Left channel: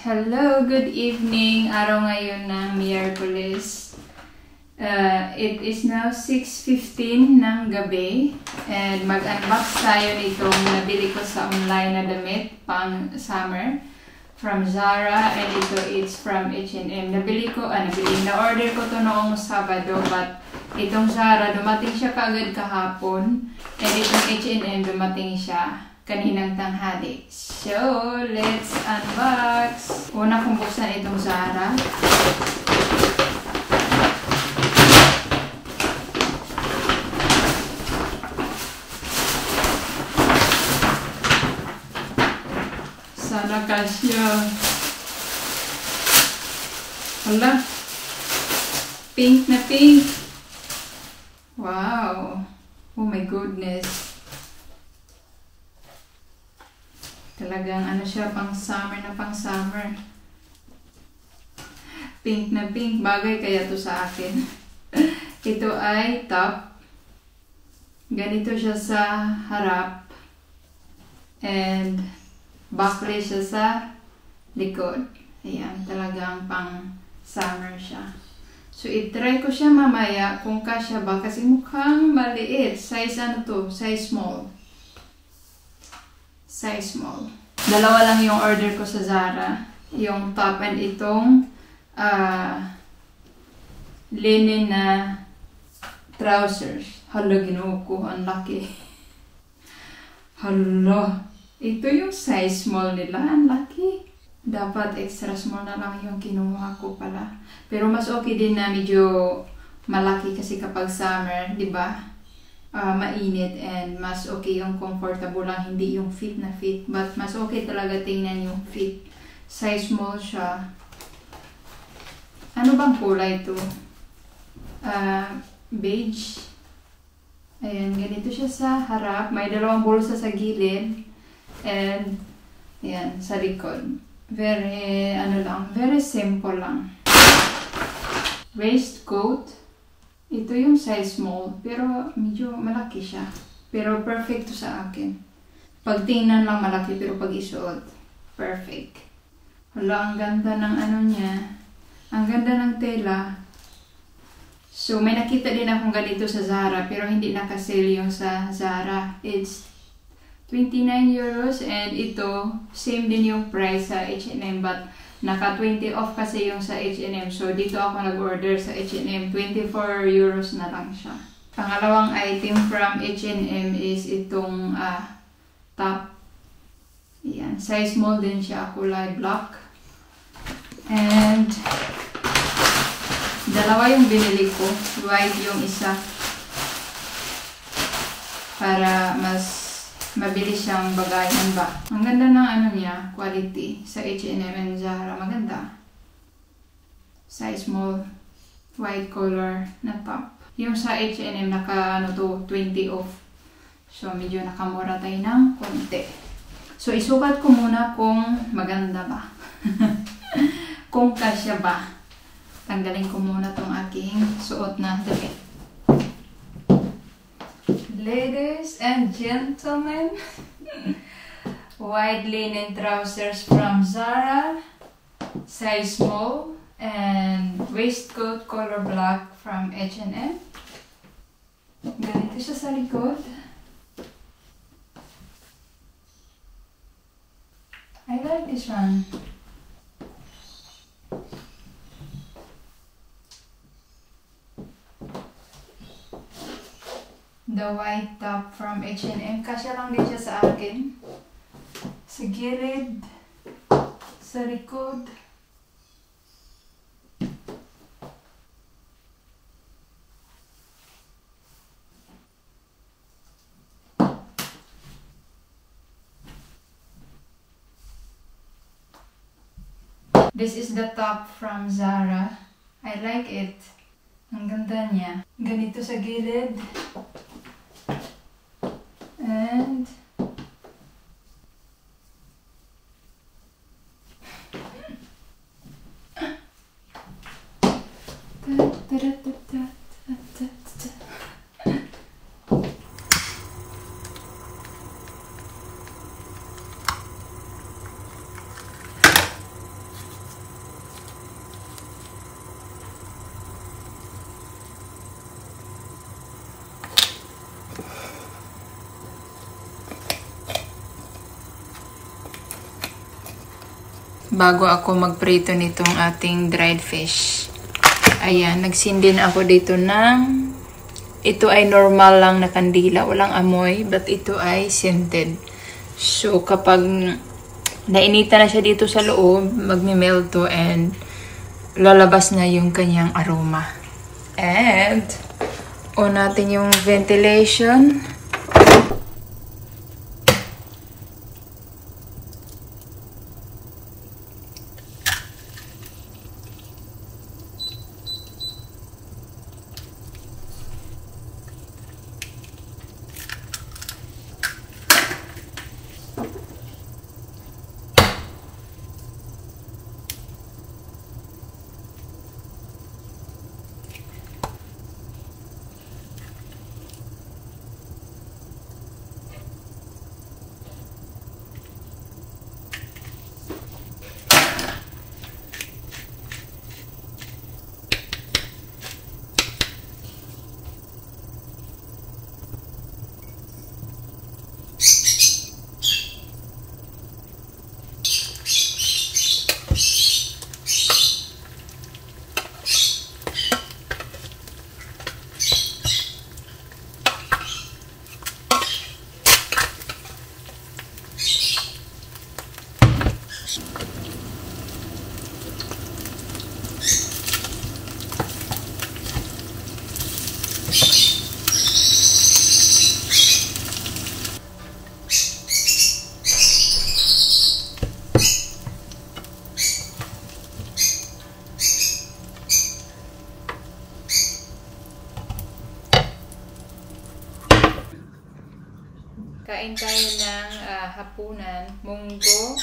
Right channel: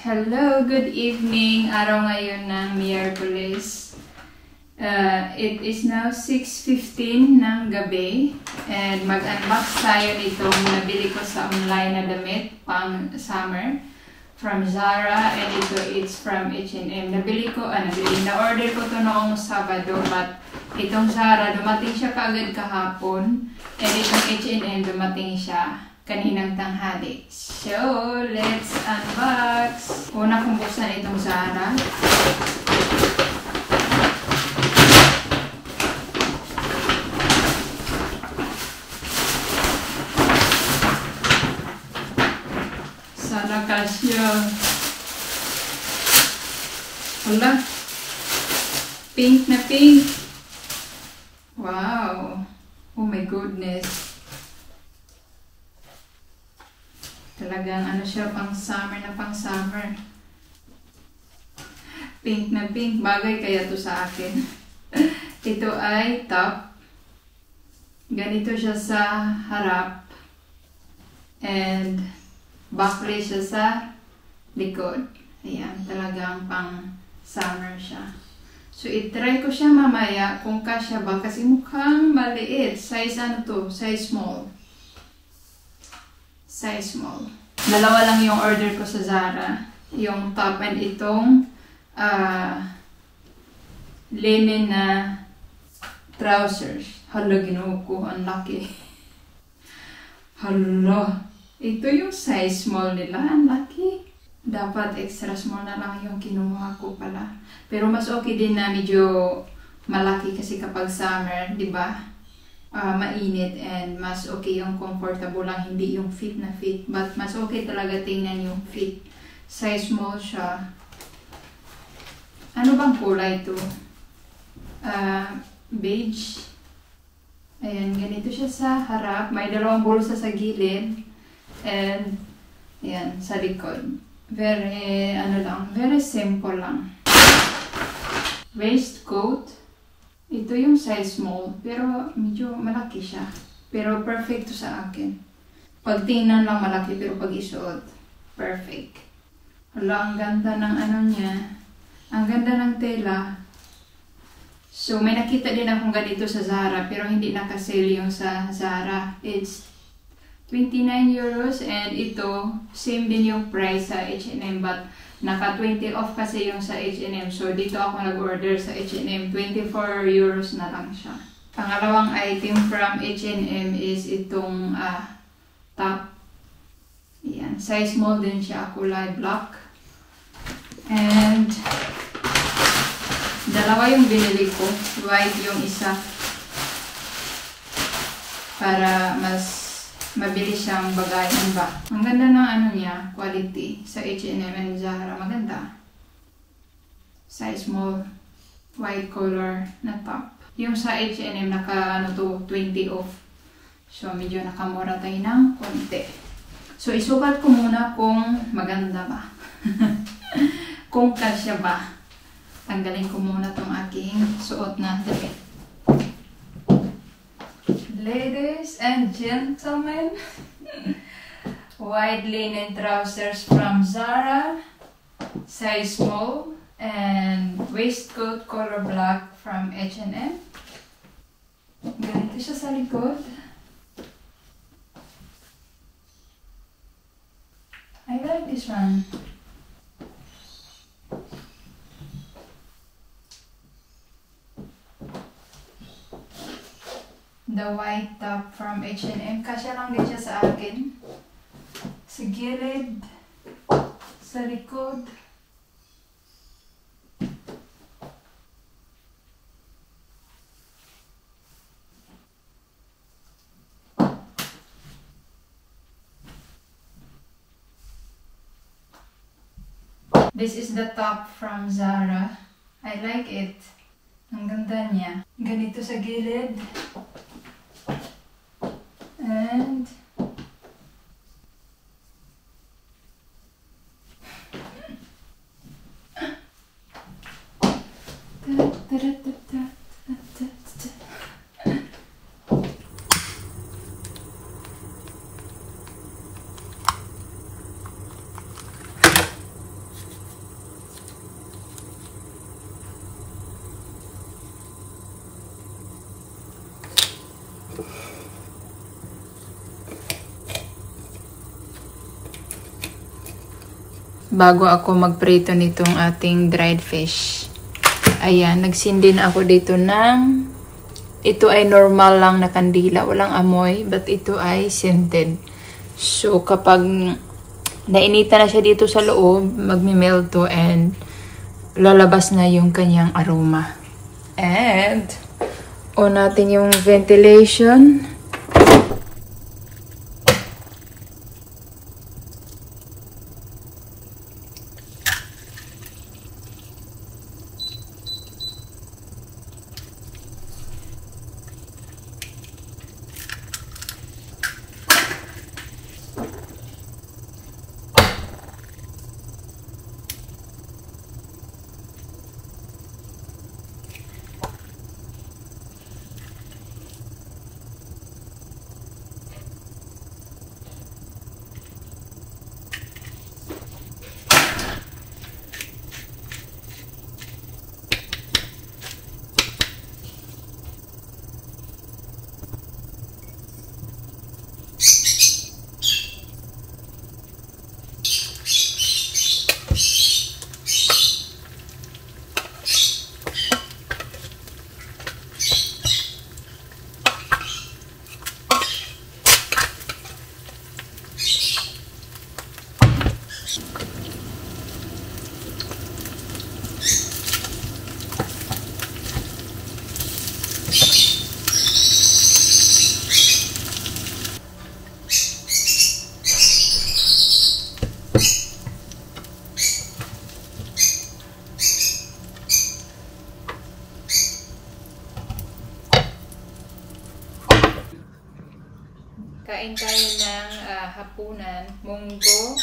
Hello, good evening. Araw ngayon ng Miyerkules. It is now 6:15 ng gabi and mag-unbox tayo nitong nabili ko sa online na damit pang summer from Zara, and ito it's from H&M. Na-order ko to noong Sabado, but itong Zara dumating siya kaagad kahapon, and itong H&M dumating siya kaninang tanghali. So, let's unbox. Una kong buksan itong Zara. Sana kasya. Hala. Pink na pink. Wow. Oh my goodness. Talagang ano siya, pang summer na pang summer. Pink na pink. Bagay kaya to sa akin. Ito ay top. Ganito siya sa harap. And backless siya sa likod. Ayan, talagang pang summer siya. So, itry ko siya mamaya kung kasya ba. Kasi mukhang maliit. Size ano to? Size small. Size small. Dalawa lang yung order ko sa Zara. Yung top and itong linen na trousers. Hala, ginuo ko. Ang laki. Hala. Ito yung size small nila. Ang laki. Dapat extra small na lang yung kinuha ko pala. Pero mas okay din na medyo malaki kasi kapag summer, di ba? Mainit and mas okay yung comfortable lang, hindi yung fit na fit. But mas okay talaga tingnan yung fit. Size small siya. Ano bang kulay ito? Beige. Ayan, ganito siya sa harap. May dalawang bulsa sa gilid. And, ayan, sa likod. Very, very simple lang. Waistcoat. Ito yung size small, pero medyo malaki siya. Pero perfect to sa akin. Pag tingnan lang malaki, pero pag isuot, perfect. Hala, ang ganda ng ano niya. Ang ganda ng tela. So, may nakita din akong ganito sa Zara, pero hindi nakasale yung sa Zara. It's 29 euros, and ito, same din yung price sa H&M, but naka 20 off kasi yung sa H&M. So, dito ako nag-order sa H&M. 24 euros na lang siya. Pangalawang item from H&M is itong top. Ayan. Size small din siya. Kulay black. And dalawa yung binili ko. White yung isa. Para mas mabilis siyang bagayan ba. Ang ganda ng ano niya, quality. Sa H&M and Zara, maganda. Size small, white color na top. Yung sa H&M, naka 20 off. So, medyo nakamura tayo ng konti. So, isukat ko muna kung maganda ba. Kung kasya ba. Tanggalin ko muna tong aking suot na damit. Ladies and gentlemen, white linen trousers from Zara, size small, and waistcoat color black from H&M. Ganito siya sa likod. I like this one. The white top from H&M. Kasya lang din siya sa akin. Sa gilid. Sa likod. This is the top from Zara. I like it. Ang ganda niya. Ganito sa gilid. And bago ako magprito nitong ating dried fish. Ayan, nagsindi na ako dito ng, ito ay normal lang na kandila, walang amoy, but ito ay scented. So, kapag nainita na siya dito sa loob, magmi-melt to and lalabas na yung kanyang aroma. And, on natin yung ventilation. Kain tayo ng hapunan, munggo,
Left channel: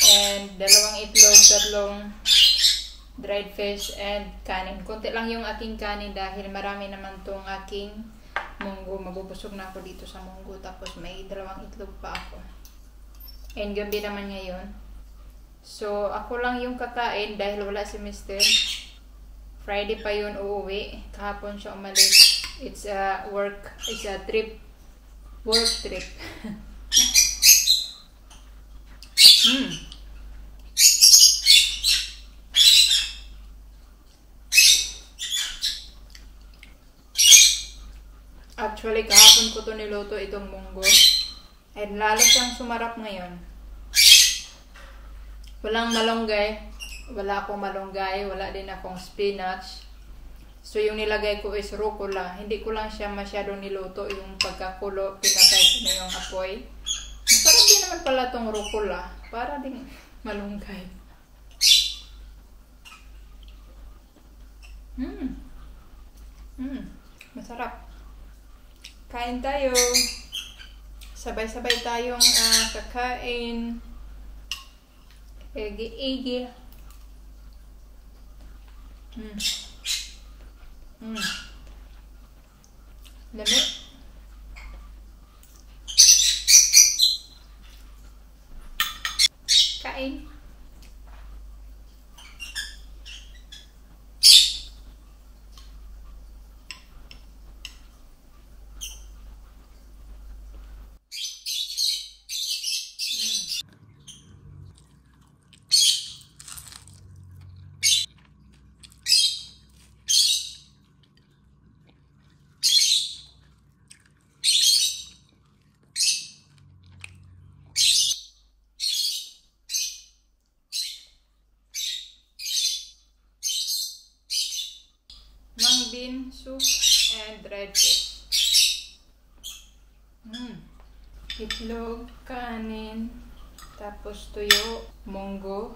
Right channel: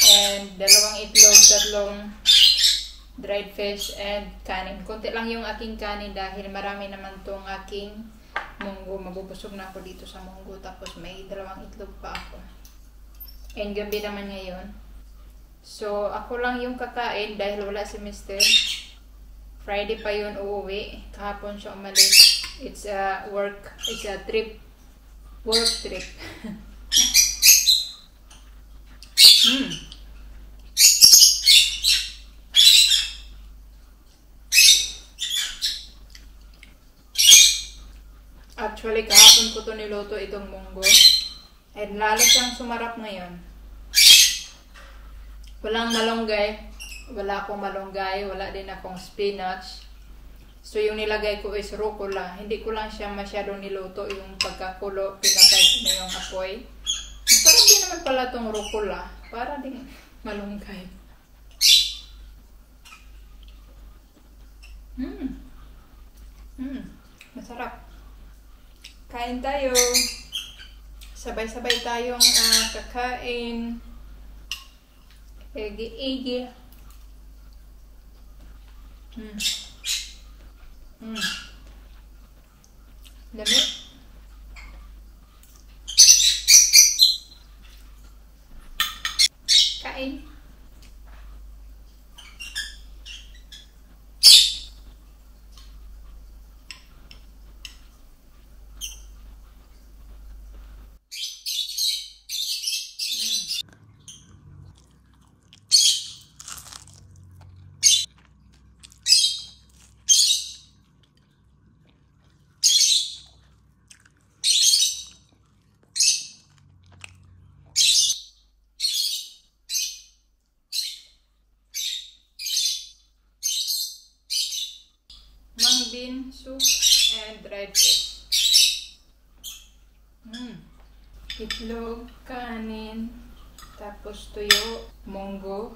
and 2 itlog, 3 dried fish, and kanin. Konti lang yung aking kanin dahil marami naman tong aking munggo. Mabubusog na ako dito sa munggo. Tapos may 2 itlog pa ako. And gabi naman ngayon. So, ako lang yung kakain dahil wala si Mr. Friday pa yun uuwi. Kahapon siya umalis. It's a trip. Work trip. Actually, kahapon ko to niluto itong munggo. And lalo siyang sumarap ngayon. Walang malunggay. Wala akong malunggay. Wala din akong spinach. So, yung nilagay ko is rucola. Hindi ko lang siya masyadong niluto. Yung pagkakulo, pinatay ko na yung apoy. Masarap din naman pala itong rucola. Para din malunggay. Masarap. Kain tayo. Sabay-sabay tayong kakain. Egi-egi. Lamig. Kain. Mung bean soup and dried fish. Itlog, kanin, tapos tuyo, munggo.